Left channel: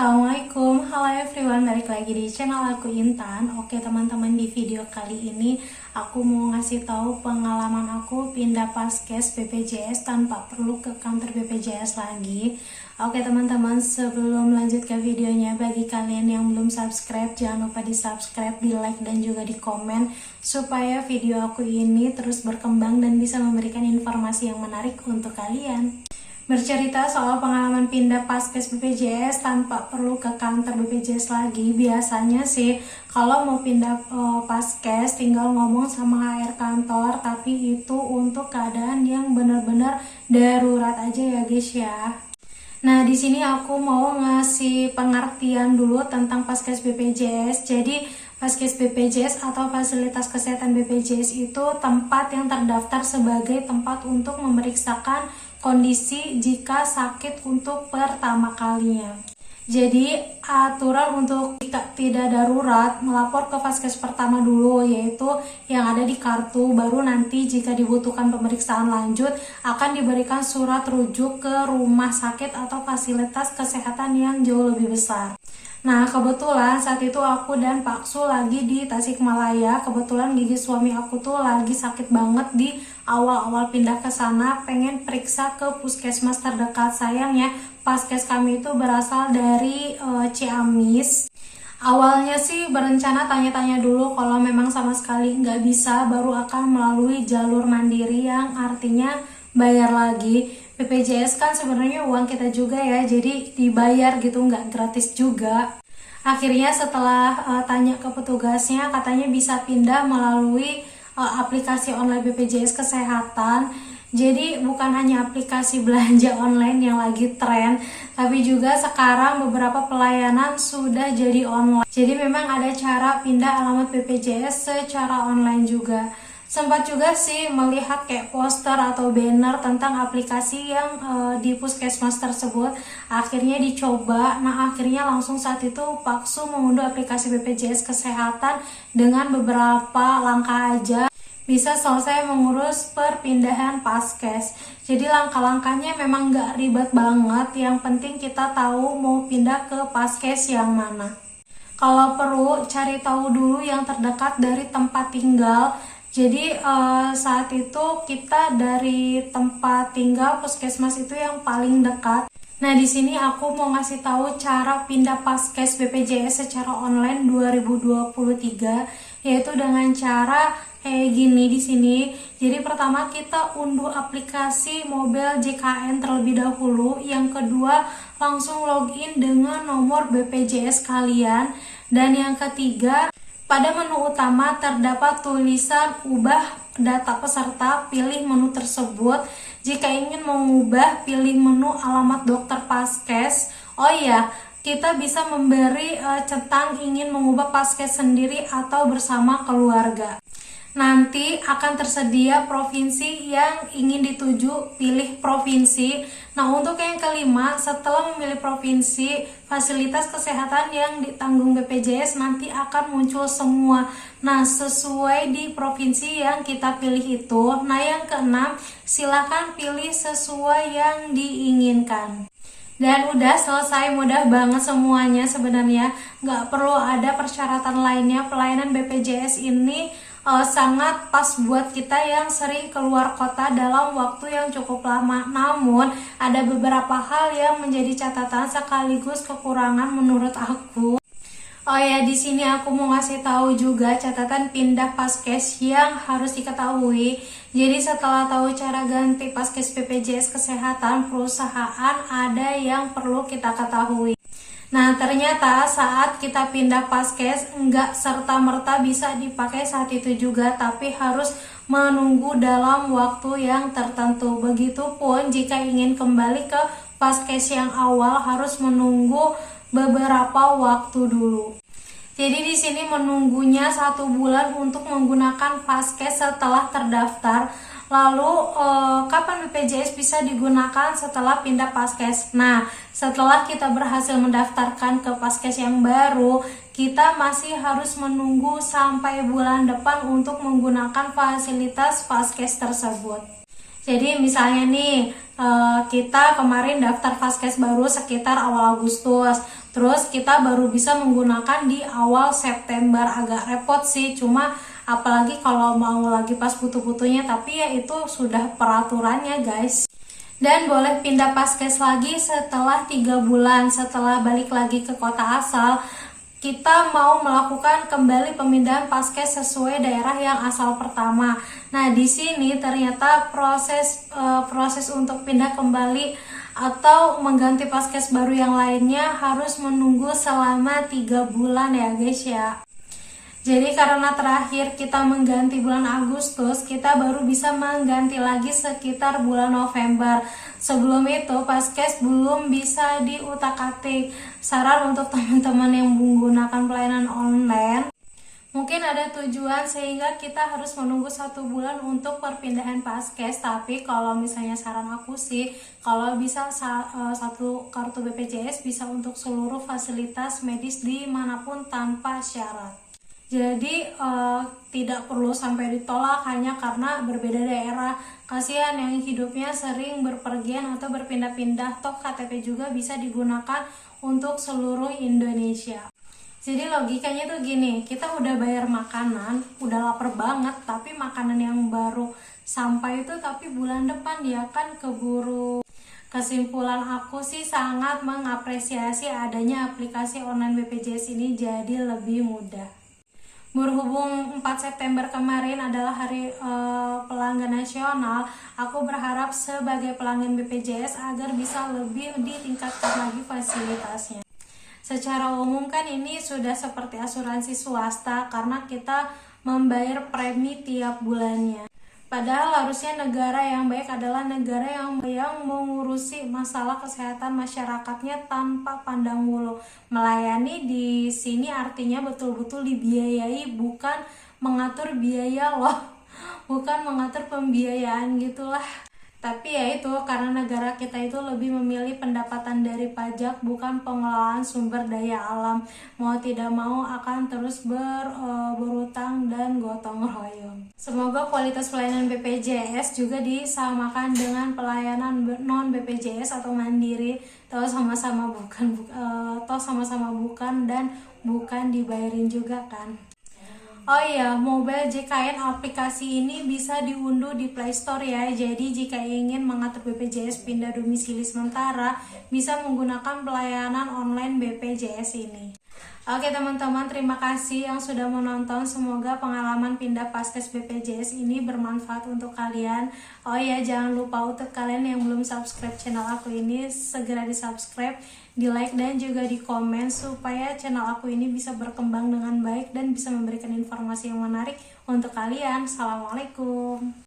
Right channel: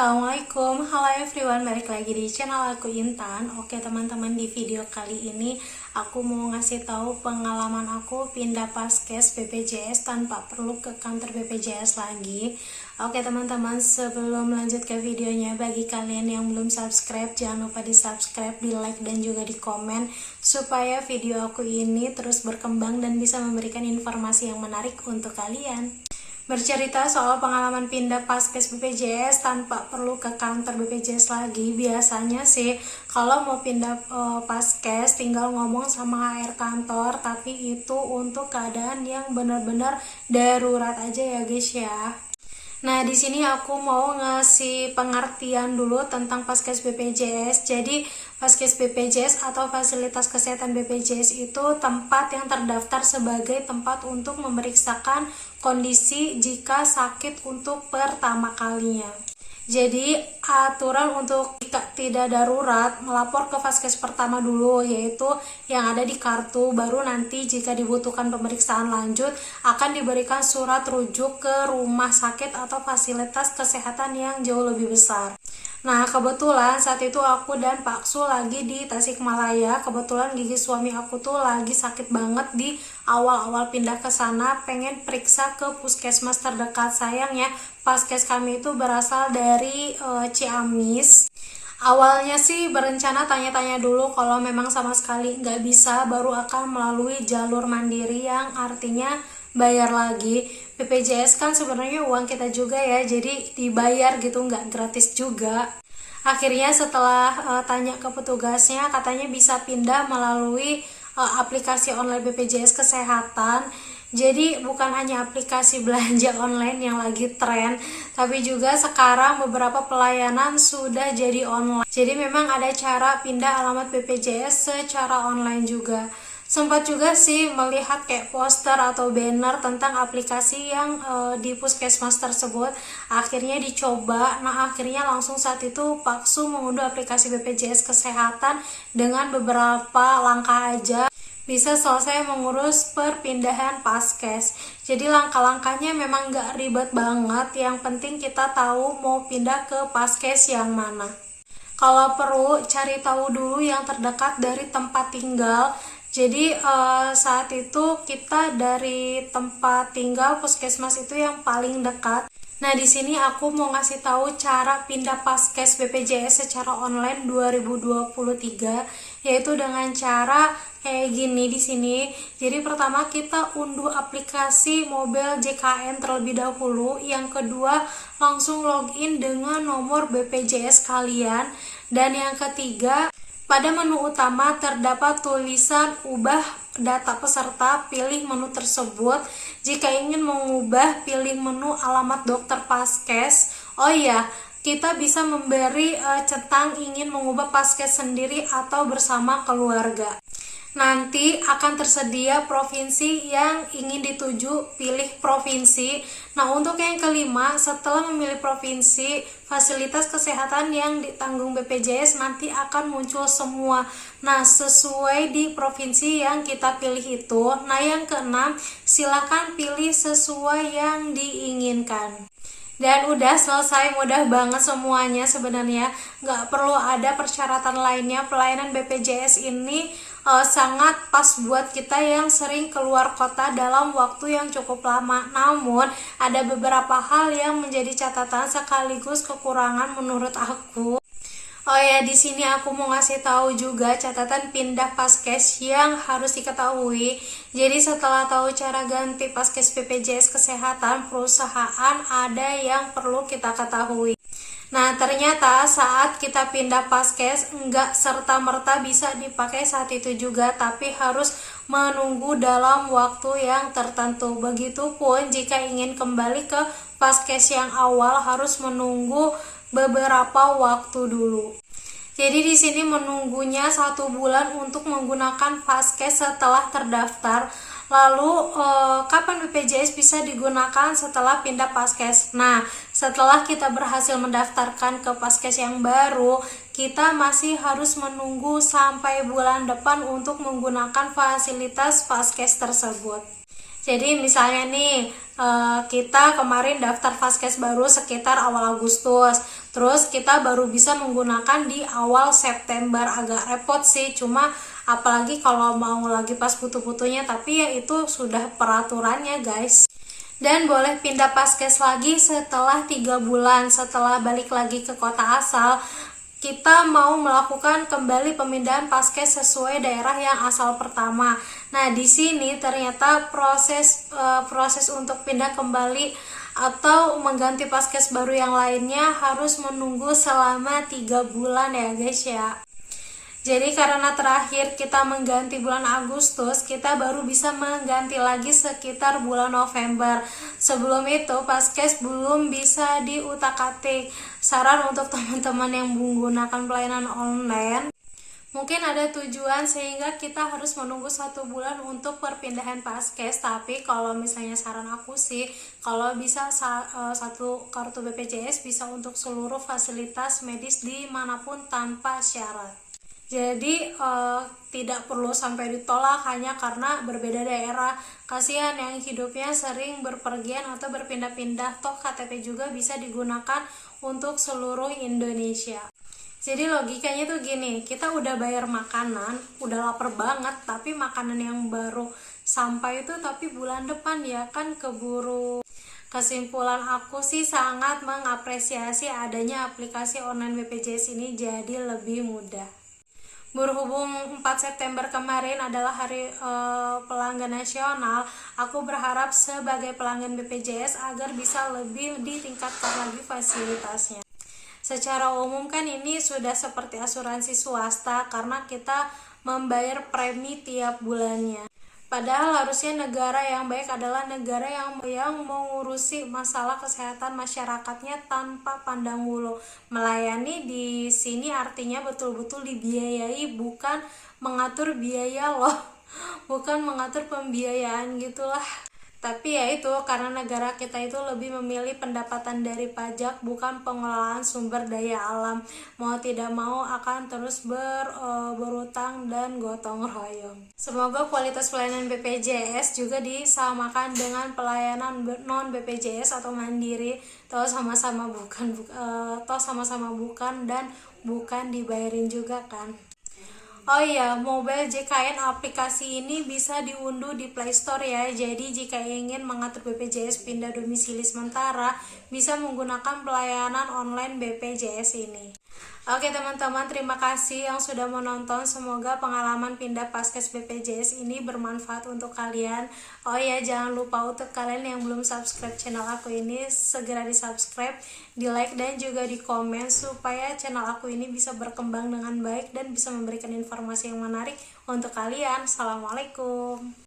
Assalamualaikum, halo everyone, balik lagi di channel aku Intan. Oke teman-teman, di video kali ini aku mau ngasih tahu pengalaman aku pindah paskes BPJS tanpa perlu ke kantor BPJS lagi. Oke teman-teman, sebelum lanjut ke videonya, bagi kalian yang belum subscribe, jangan lupa di subscribe, di like, dan juga di komen supaya video aku ini terus berkembang dan bisa memberikan informasi yang menarik untuk kalian. Bercerita soal pengalaman pindah paskes BPJS tanpa perlu ke kantor BPJS lagi. Biasanya sih kalau mau pindah paskes tinggal ngomong sama HR kantor, tapi itu untuk keadaan yang benar-benar darurat aja ya guys ya. Nah, di sini aku mau ngasih pengertian dulu tentang paskes BPJS. Jadi, paskes BPJS atau fasilitas kesehatan BPJS itu tempat yang terdaftar sebagai tempat untuk memeriksakan kondisi jika sakit untuk pertama kalinya. Jadi, aturan untuk tidak darurat melapor ke vaskes pertama dulu, yaitu yang ada di kartu. Baru nanti jika dibutuhkan pemeriksaan lanjut akan diberikan surat rujuk ke rumah sakit atau fasilitas kesehatan yang jauh lebih besar. Nah, kebetulan saat itu aku dan Pak Su lagi di Tasikmalaya. Kebetulan gigi suami aku tuh lagi sakit banget di awal-awal pindah ke sana, pengen periksa ke puskesmas terdekat. Sayangnya paskes kami itu berasal dari Ciamis. Awalnya sih berencana tanya-tanya dulu, kalau memang sama sekali nggak bisa baru akan melalui jalur mandiri yang artinya bayar lagi. BPJS kan sebenarnya uang kita juga ya, jadi dibayar gitu, nggak gratis juga. Akhirnya setelah tanya ke petugasnya, katanya bisa pindah melalui aplikasi online BPJS Kesehatan. Jadi bukan hanya aplikasi belanja online yang lagi tren, tapi juga sekarang beberapa pelayanan sudah jadi online. Jadi memang ada cara pindah alamat BPJS secara online juga. Sempat juga sih melihat kayak poster atau banner tentang aplikasi yang di puskesmas tersebut. Akhirnya dicoba. Nah, akhirnya langsung saat itu Pak Su mengunduh aplikasi BPJS Kesehatan. Dengan beberapa langkah aja bisa selesai mengurus perpindahan paskes. Jadi langkah-langkahnya memang nggak ribet banget. Yang penting kita tahu mau pindah ke paskes yang mana. Kalau perlu cari tahu dulu yang terdekat dari tempat tinggal. Jadi saat itu kita dari tempat tinggal puskesmas itu yang paling dekat. Nah, di sini aku mau ngasih tahu cara pindah paskes BPJS secara online 2023, yaitu dengan cara kayak gini di sini. Jadi pertama kita unduh aplikasi mobile JKN terlebih dahulu. Yang kedua langsung login dengan nomor BPJS kalian. Dan yang ketiga, pada menu utama terdapat tulisan ubah data peserta, pilih menu tersebut. Jika ingin mengubah, pilih menu alamat dokter paskes. Oh iya, kita bisa memberi centang ingin mengubah paskes sendiri atau bersama keluarga. Nanti akan tersedia provinsi yang ingin dituju, pilih provinsi. Nah, untuk yang kelima, setelah memilih provinsi, fasilitas kesehatan yang ditanggung BPJS nanti akan muncul semua. Nah, sesuai di provinsi yang kita pilih itu. Nah, yang keenam, silakan pilih sesuai yang diinginkan. Dan udah selesai, mudah banget semuanya sebenarnya, nggak perlu ada persyaratan lainnya. Pelayanan BPJS ini sangat pas buat kita yang sering keluar kota dalam waktu yang cukup lama. Namun ada beberapa hal yang menjadi catatan sekaligus kekurangan menurut aku. Oh ya, di sini aku mau ngasih tahu juga catatan pindah paskes yang harus diketahui. Jadi setelah tahu cara ganti paskes BPJS Kesehatan, perusahaan ada yang perlu kita ketahui. Nah, ternyata saat kita pindah paskes enggak serta-merta bisa dipakai saat itu juga, tapi harus menunggu dalam waktu yang tertentu. Begitupun jika ingin kembali ke paskes yang awal harus menunggu beberapa waktu dulu. Jadi di sini menunggunya 1 bulan untuk menggunakan paskes setelah terdaftar. Lalu kapan BPJS bisa digunakan setelah pindah paskes? Nah, setelah kita berhasil mendaftarkan ke paskes yang baru, kita masih harus menunggu sampai bulan depan untuk menggunakan fasilitas paskes tersebut. Jadi misalnya nih, kita kemarin daftar vaskes baru sekitar awal Agustus. Terus kita baru bisa menggunakan di awal September. Agak repot sih, cuma apalagi kalau mau lagi pas butuh-butuhnya, tapi ya itu sudah peraturannya guys. Dan boleh pindah paskes lagi setelah 3 bulan setelah balik lagi ke kota asal. Kita mau melakukan kembali pemindahan paskes sesuai daerah yang asal pertama. Nah, di sini ternyata proses untuk pindah kembali atau mengganti paskes baru yang lainnya harus menunggu selama 3 bulan ya guys ya. Jadi karena terakhir kita mengganti bulan Agustus, kita baru bisa mengganti lagi sekitar bulan November. Sebelum itu paskes belum bisa diutak-atik. Saran untuk teman-teman yang menggunakan pelayanan online, mungkin ada tujuan sehingga kita harus menunggu 1 bulan untuk perpindahan paskes. Tapi kalau misalnya saran aku sih, kalau bisa satu kartu BPJS bisa untuk seluruh fasilitas medis dimanapun tanpa syarat. Jadi tidak perlu sampai ditolak hanya karena berbeda daerah. Kasihan yang hidupnya sering berpergian atau berpindah-pindah, toh KTP juga bisa digunakan untuk seluruh Indonesia. Jadi logikanya tuh gini, kita udah bayar makanan, udah lapar banget, tapi makanan yang baru sampai itu tapi bulan depan ya kan keburu. Kesimpulan aku sih sangat mengapresiasi adanya aplikasi online BPJS ini, jadi lebih mudah. Berhubung 4 September kemarin adalah hari pelanggan nasional, aku berharap sebagai pelanggan BPJS agar bisa lebih ditingkatkan lagi fasilitasnya. Secara umum kan ini sudah seperti asuransi swasta karena kita membayar premi tiap bulannya. Padahal harusnya negara yang baik adalah negara yang mengurusi masalah kesehatan masyarakatnya tanpa pandang bulu. Melayani di sini artinya betul-betul dibiayai, bukan mengatur biaya loh. Bukan mengatur pembiayaan gitulah. Tapi ya itu, karena negara kita itu lebih memilih pendapatan dari pajak, bukan pengelolaan sumber daya alam. Mau tidak mau akan terus berutang dan gotong royong. Semoga kualitas pelayanan BPJS juga disamakan dengan pelayanan non BPJS atau mandiri. Toh sama-sama bukan dan bukan dibayarin juga kan. Oh iya, mobile JKN aplikasi ini bisa diunduh di Play Store ya. Jadi jika ingin mengatur BPJS pindah domisili sementara, bisa menggunakan pelayanan online BPJS ini. Oke teman-teman, terima kasih yang sudah menonton. Semoga pengalaman pindah paskes BPJS ini bermanfaat untuk kalian. Oh ya, jangan lupa untuk kalian yang belum subscribe channel aku ini, segera di subscribe, di like dan juga di komen supaya channel aku ini bisa berkembang dengan baik dan bisa memberikan informasi yang menarik untuk kalian. Assalamualaikum.